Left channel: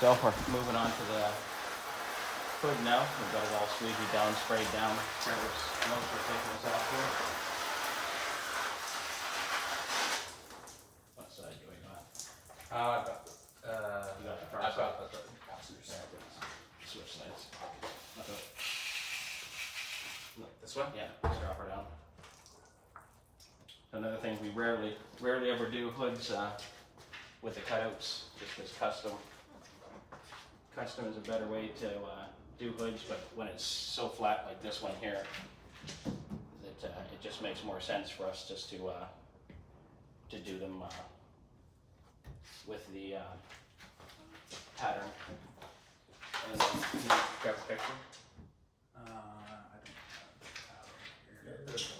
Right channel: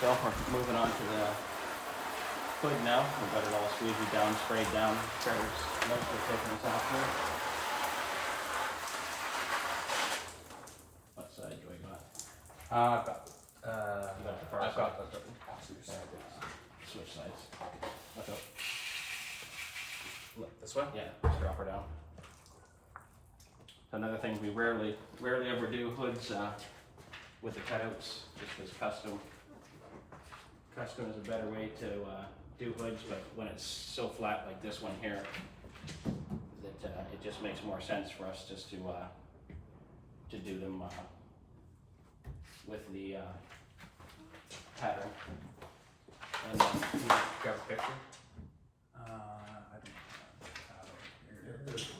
So we're moving on to the hood now. We've got it all squeegeed down, sprayed down. Trevor's mostly taking us off here. What side do we got? I've got, You got the far I've side? got the passenger side. Switch sides. Okay. Like this one? Yeah, just drop her down. Another thing, we rarely ever do hoods with the cutouts, just because custom is a better way to do hoods, but when it's so flat like this one here, that it just makes more sense for us just to do them with the pattern. And then you grab a picture. I don't have it here. Just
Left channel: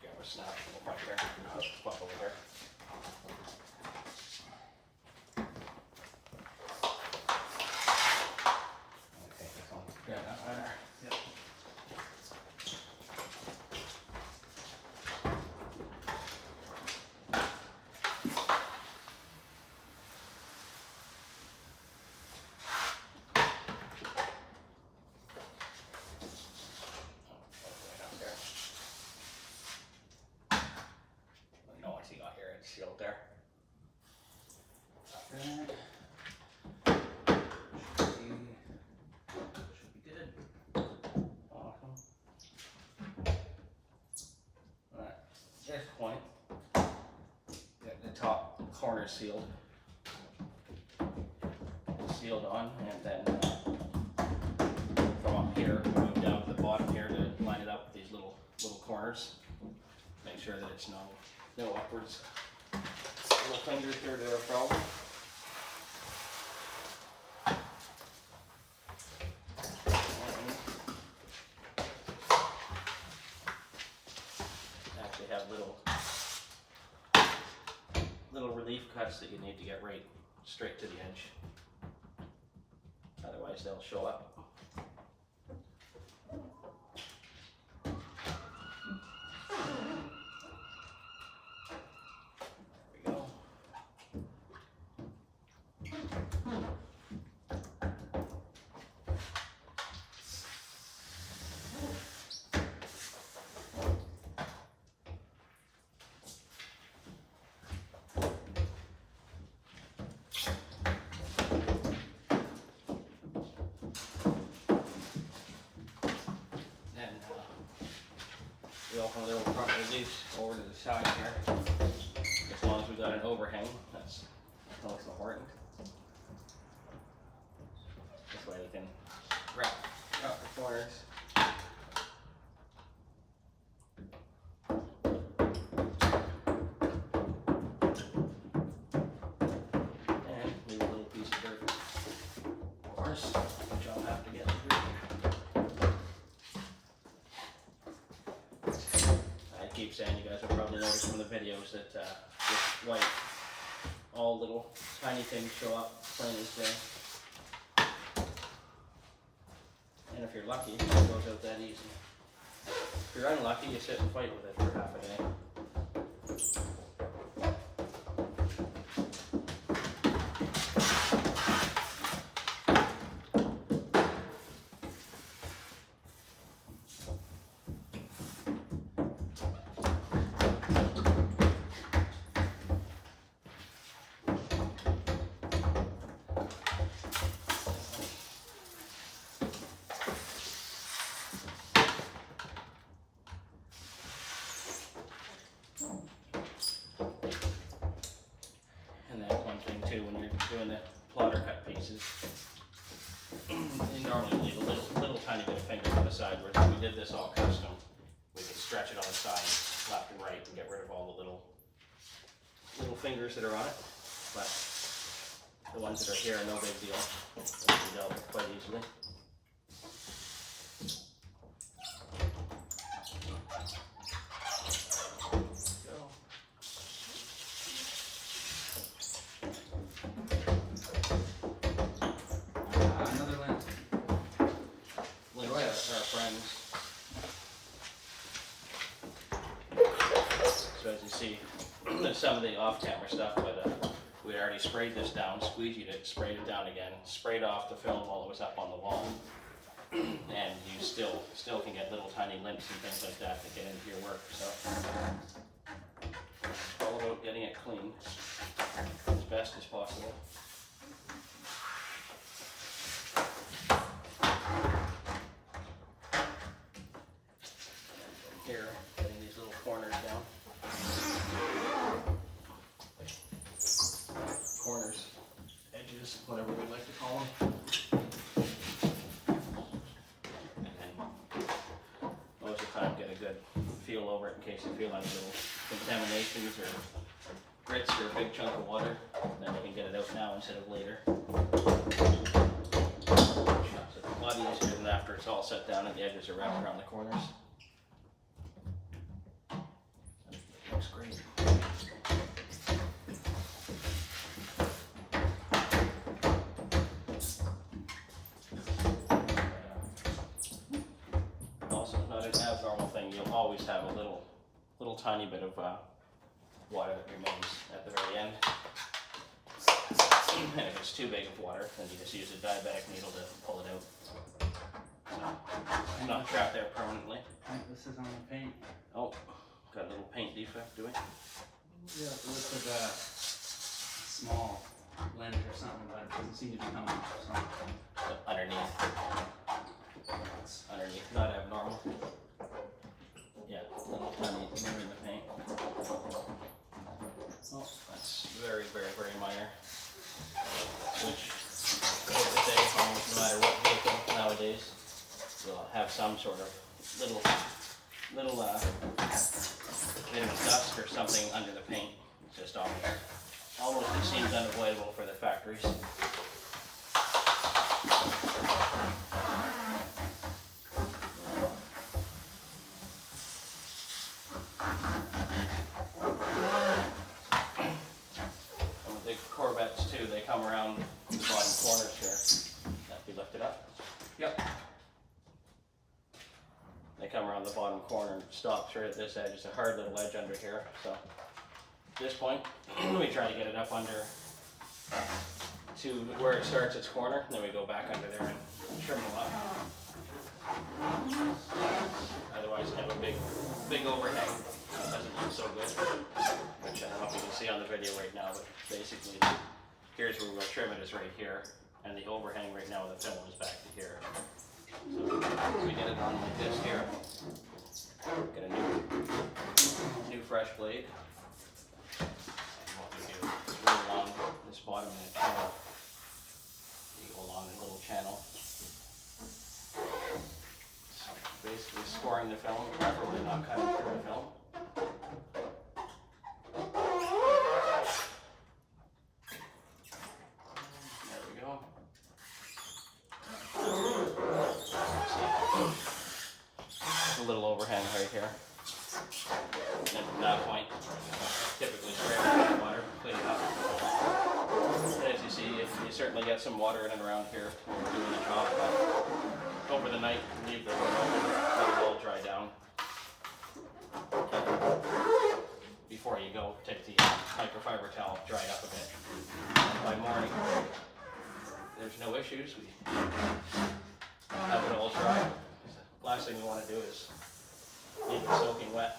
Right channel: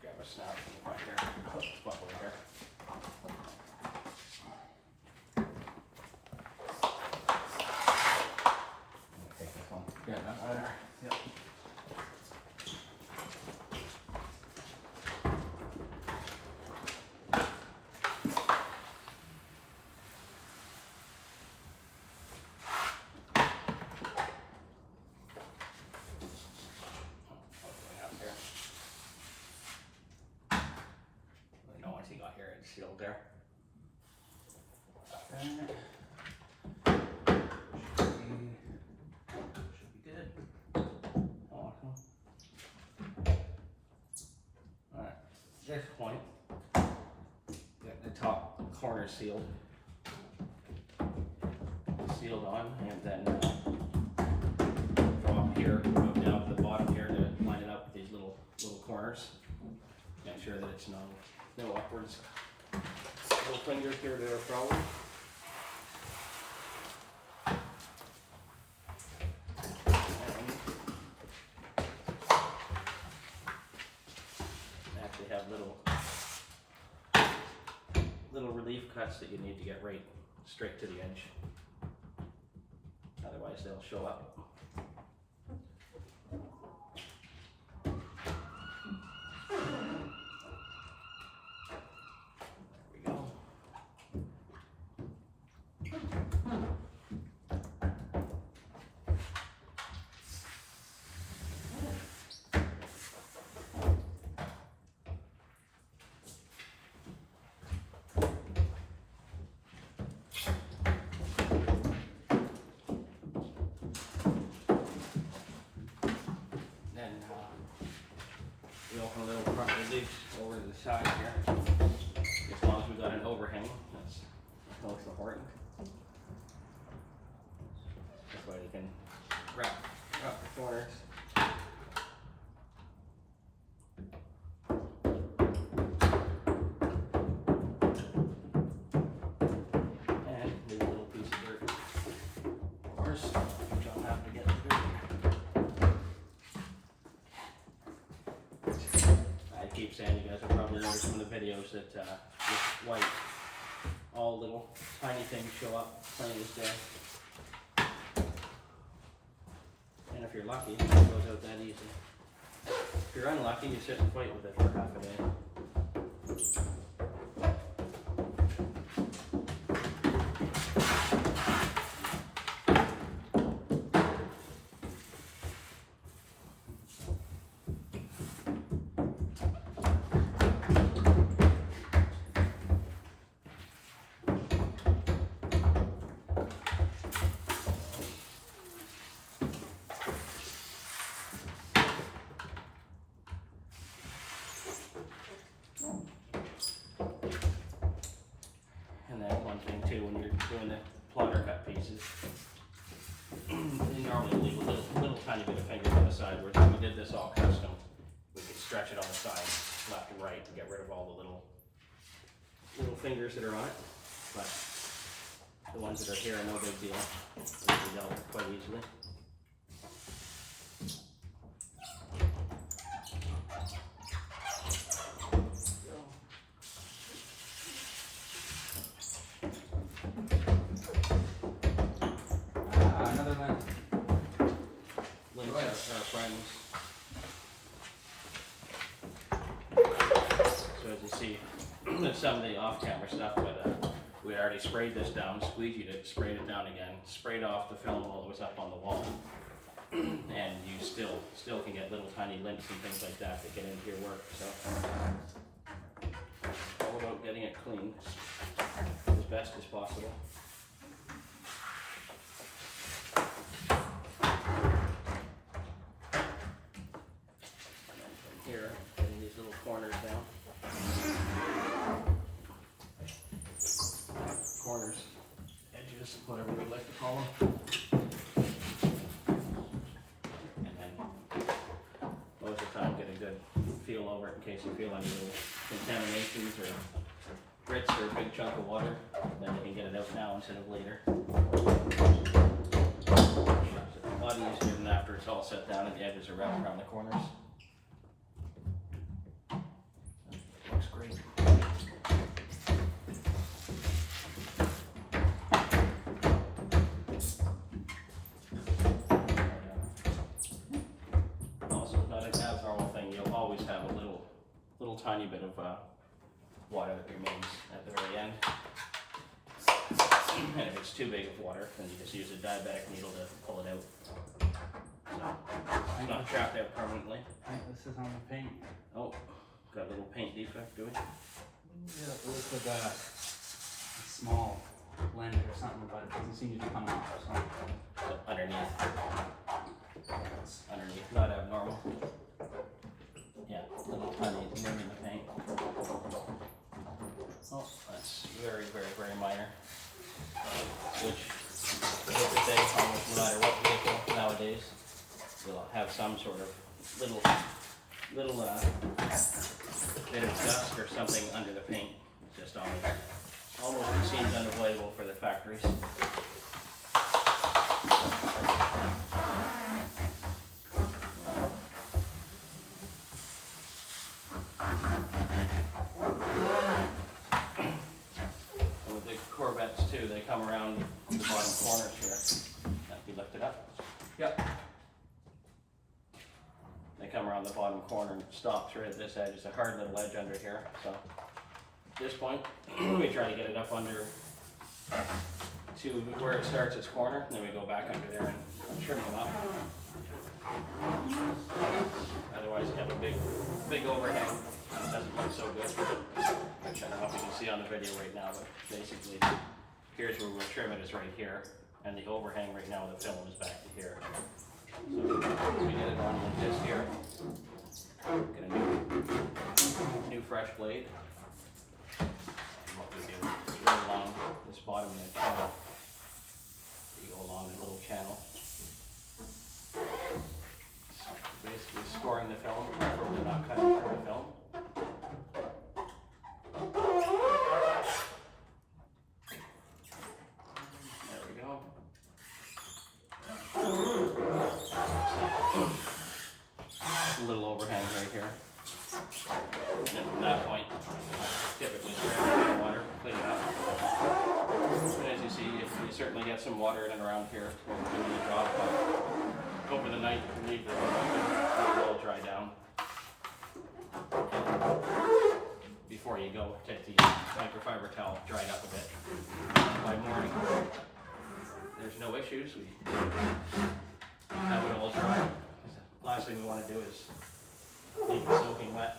grab a snap from the front here, pop over here. Okay, this one. Yeah, there. Yep. No, once you got here, it's sealed there. Should be good. Awesome. Alright, this point, got the top corner sealed on, and then from up here, move down to the bottom here to line it up with these little corners. Make sure that it's no upwards. Little fingers here to a problem. Actually have little relief cuts that you need to get right straight to the edge. Otherwise they'll show up. There we go. We open a little front release over to the side here. As long as we've got an overhang, that's important. This way you can wrap the corners. And leave a little piece of dirt, of course, which I'll have to get through. I keep saying, you guys have probably noticed from the videos that this white, all little tiny things show up plain as day. And if you're lucky, it goes out that easy. If you're unlucky, you sit and fight with it for half a day. Doing the plotter cut pieces, you normally leave a little tiny bit of finger to the side. Where if we did this all custom, we could stretch it on the sides, left and right, and get rid of all the little fingers that are on it. But the ones that are here are no big deal. They can be dealt with quite easily. So as you see, there's some of the off-camera stuff, but We already sprayed this down, squeegeed it, sprayed it down again, sprayed off the film while it was up on the wall. And you still can get little tiny limps and things like that get into your work, so. It's all about getting it clean as best as possible. Here, getting these little corners down. Corners, edges, whatever we'd like to call them. And then most of the time get a good feel over it in case you feel any little contaminations or grits or a big chunk of water. Then you can get it out now instead of later. It's a lot easier than after it's all set down and the edges are wrapped around the corners. Looks great. Also, not an abnormal thing. You'll always have a little tiny bit of water that remains at the very end. And if it's too big of water, then you just use a diabetic needle to pull it out. So it's not trapped there permanently. I think this is on the paint. Oh, got a little paint defect, do we? Yeah, it looks like a small blend or something, but it doesn't seem to be coming off, so. Underneath. It's underneath, not abnormal. Yeah, little tiny rim in the paint. Oh, that's very, very, very minor. Which, I have to say, almost no matter what vehicle nowadays, will have some sort of little bit of dust or something under the paint. It's just almost seems unavoidable for the factories. And with the Corvettes too, they come around the bottom corners here. That be lifted up. Yep. They come around the bottom corner and stop straight at this edge. It's a hard little edge under here. So at this point, we try to get it up under to where it starts its corner. Then we go back under there and trim them up. Otherwise, you have a big overhang. It doesn't look so good. Which I don't know if you can see on the video right now, but basically, here's where we'll trim it is right here, and the overhang right now of the film is back to here. So we get it on like this here. Get a new fresh blade. And what we do is run along this bottom and channel. You go along a little channel. So basically scoring the film, properly not cutting through the film. There we go. A little overhang right here. And from that point, typically spray it with water, clean it up. And as you see, you certainly get some water in and around here when we're doing the job, but over the night, leave the room open, let it all dry down. Before you go, take the microfiber towel, dry it up a bit. And by morning, there's no issues. We have it all dry. Last thing we want to do is leave it soaking wet.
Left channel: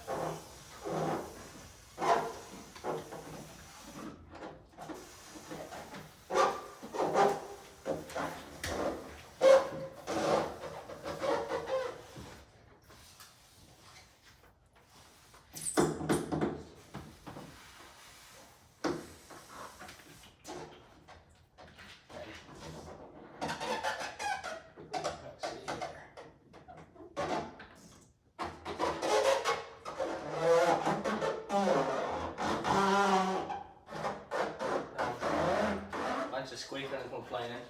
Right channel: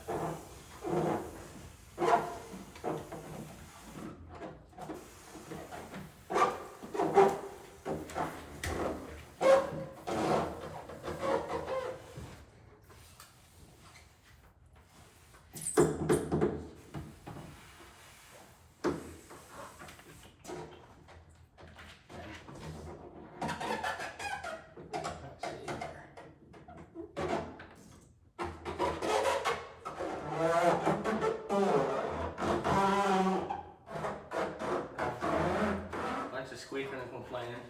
Squeaking and complaining.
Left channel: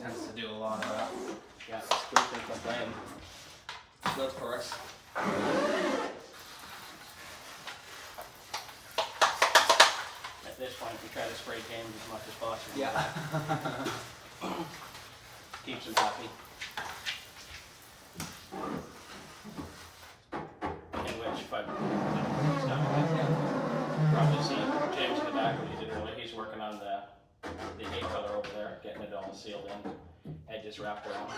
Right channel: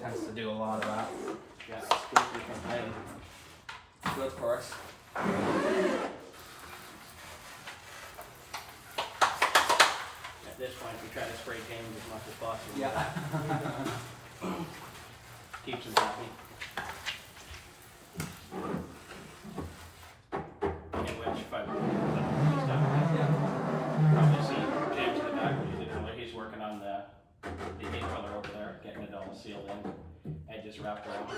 Tends to do a lot of that. Yeah, squeaking and complaining. Good for us. At this point, we try to spray games as much as possible. Yeah. Keeps them happy. In which, if I probably see James in the back. just wrapped around.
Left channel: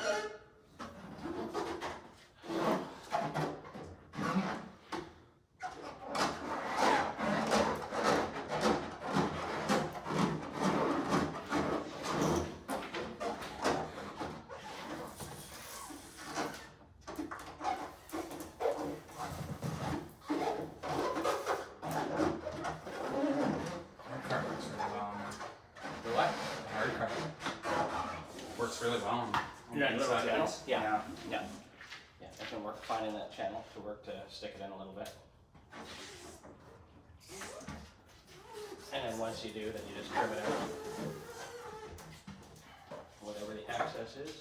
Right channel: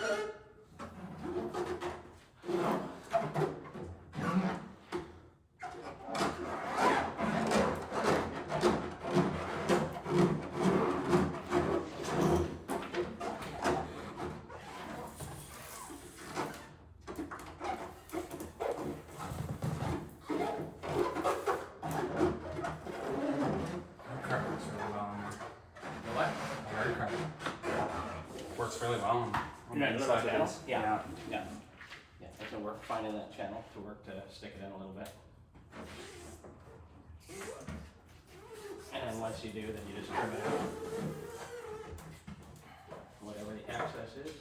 Works really well on Yeah, the you look inside like of that. these. Yeah. Yeah. Yeah, it's gonna work finding that channel to work to stick it in a little bit. And then once you do, then you just trim it out. Whatever the access is.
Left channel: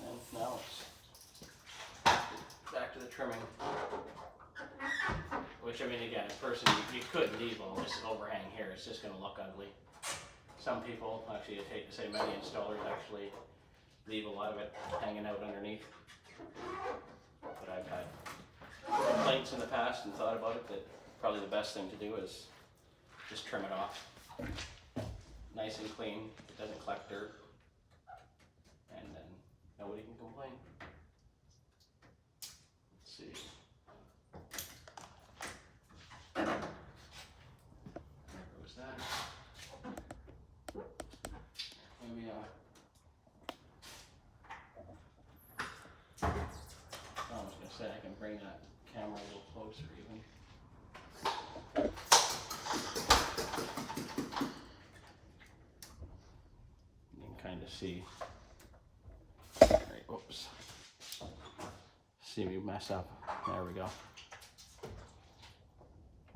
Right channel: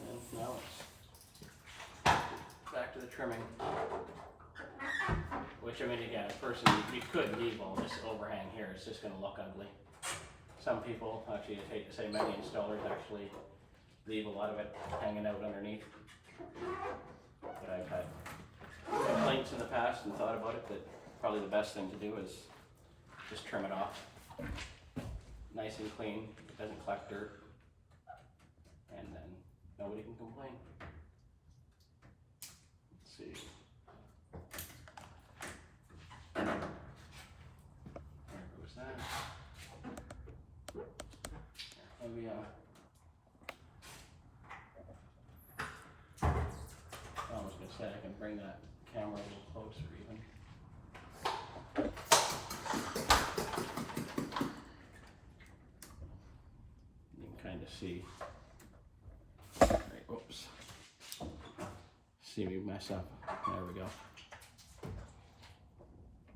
And now it's back to the trimming. Which, I mean, again, at first you could leave all this overhang here, it's just gonna look ugly. Some people, actually, I hate to say many installers actually leave a lot of it hanging out underneath. But I've had complaints in the past and thought about it that probably the best thing to do is just trim it off. Nice and clean, it doesn't collect dirt, and then nobody can complain. Let's see. There goes that. Maybe, I was gonna say I can bring that camera a little closer even. You can kind of see. Right, whoops. See me mess up. There we go.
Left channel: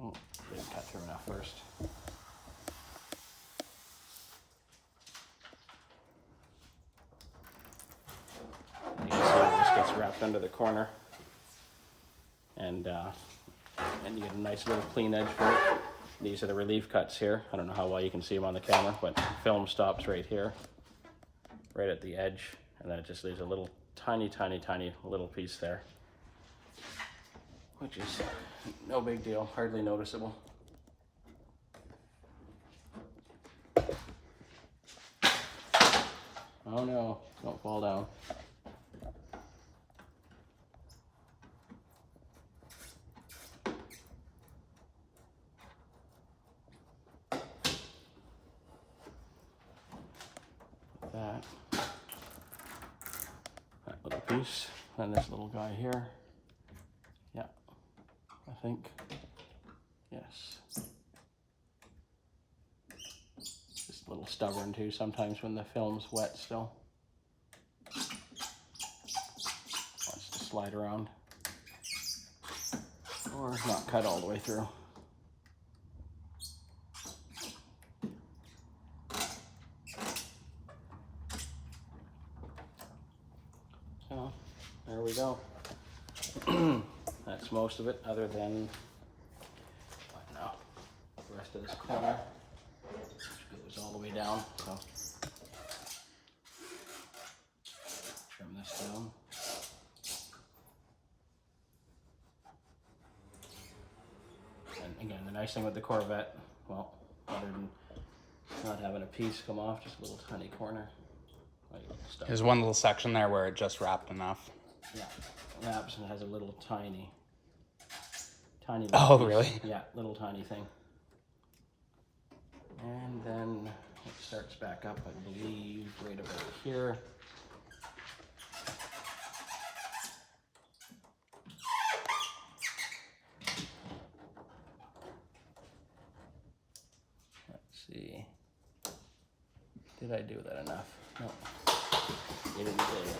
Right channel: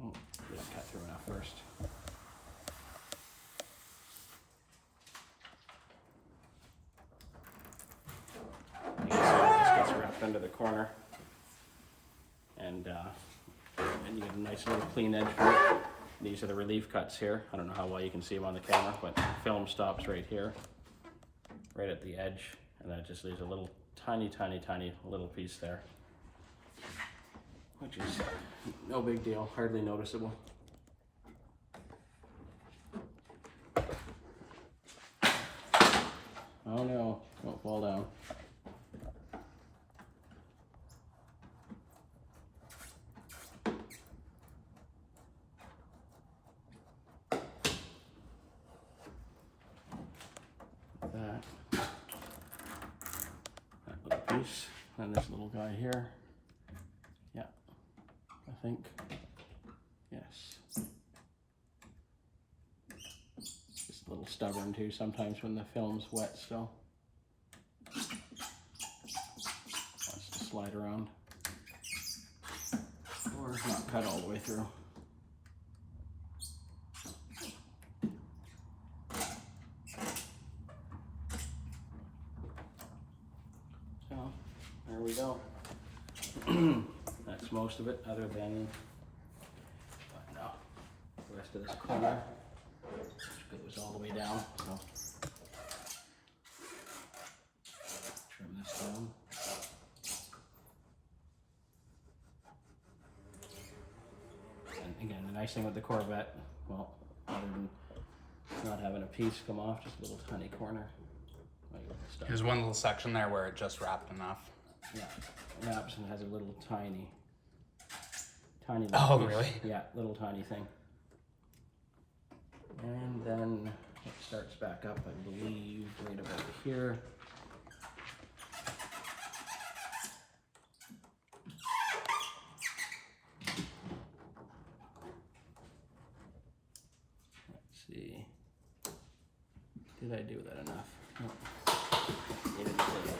Oh, didn't cut through enough first. You can see it just gets wrapped under the corner, and you get a nice little clean edge for it. These are the relief cuts here. I don't know how well you can see them on the camera, but the film stops right here, right at the edge, and then it just leaves a little tiny little piece there, which is no big deal, hardly noticeable. Oh no, don't fall down. That little piece, and this little guy here. Yeah, I think, yes. Just a little stubborn too sometimes when the film's wet still. Wants to slide around. Or not cut all the way through. So, there we go. That's most of it, other than, no, the rest of this corner, which goes all the way down, so trim this down. And again, the nice thing with the Corvette, well, other than not having a piece come off, just a little tiny corner. There's one little section there where it just wrapped enough. Yeah, wraps and has a little tiny Oh, piece. really? Yeah, little tiny thing. And then it starts back up, I believe, right about here. Let's see. Did I do that enough? No. You didn't do it.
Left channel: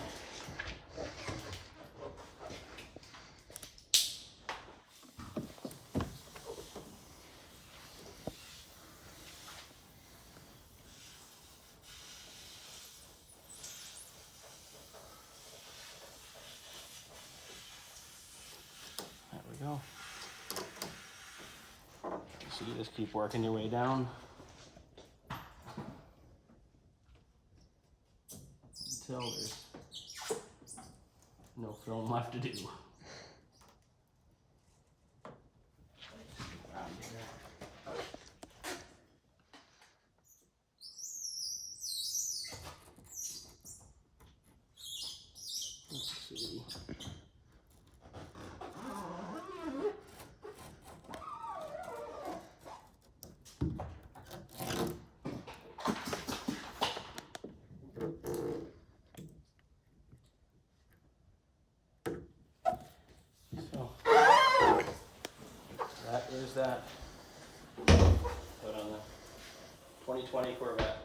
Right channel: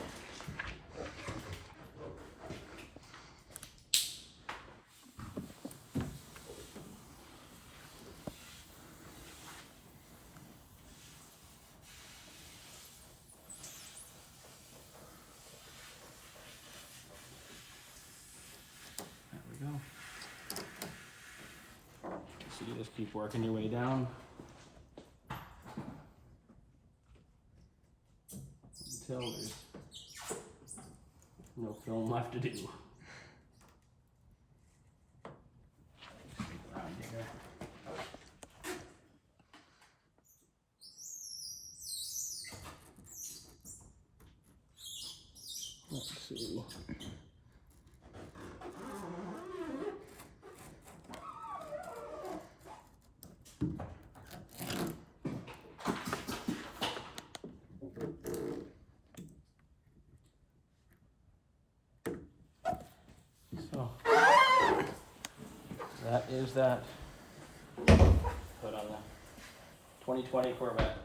So you just keep working your way down until there's no film left to do. 2. So that is that. Put on the 2020 Corvette.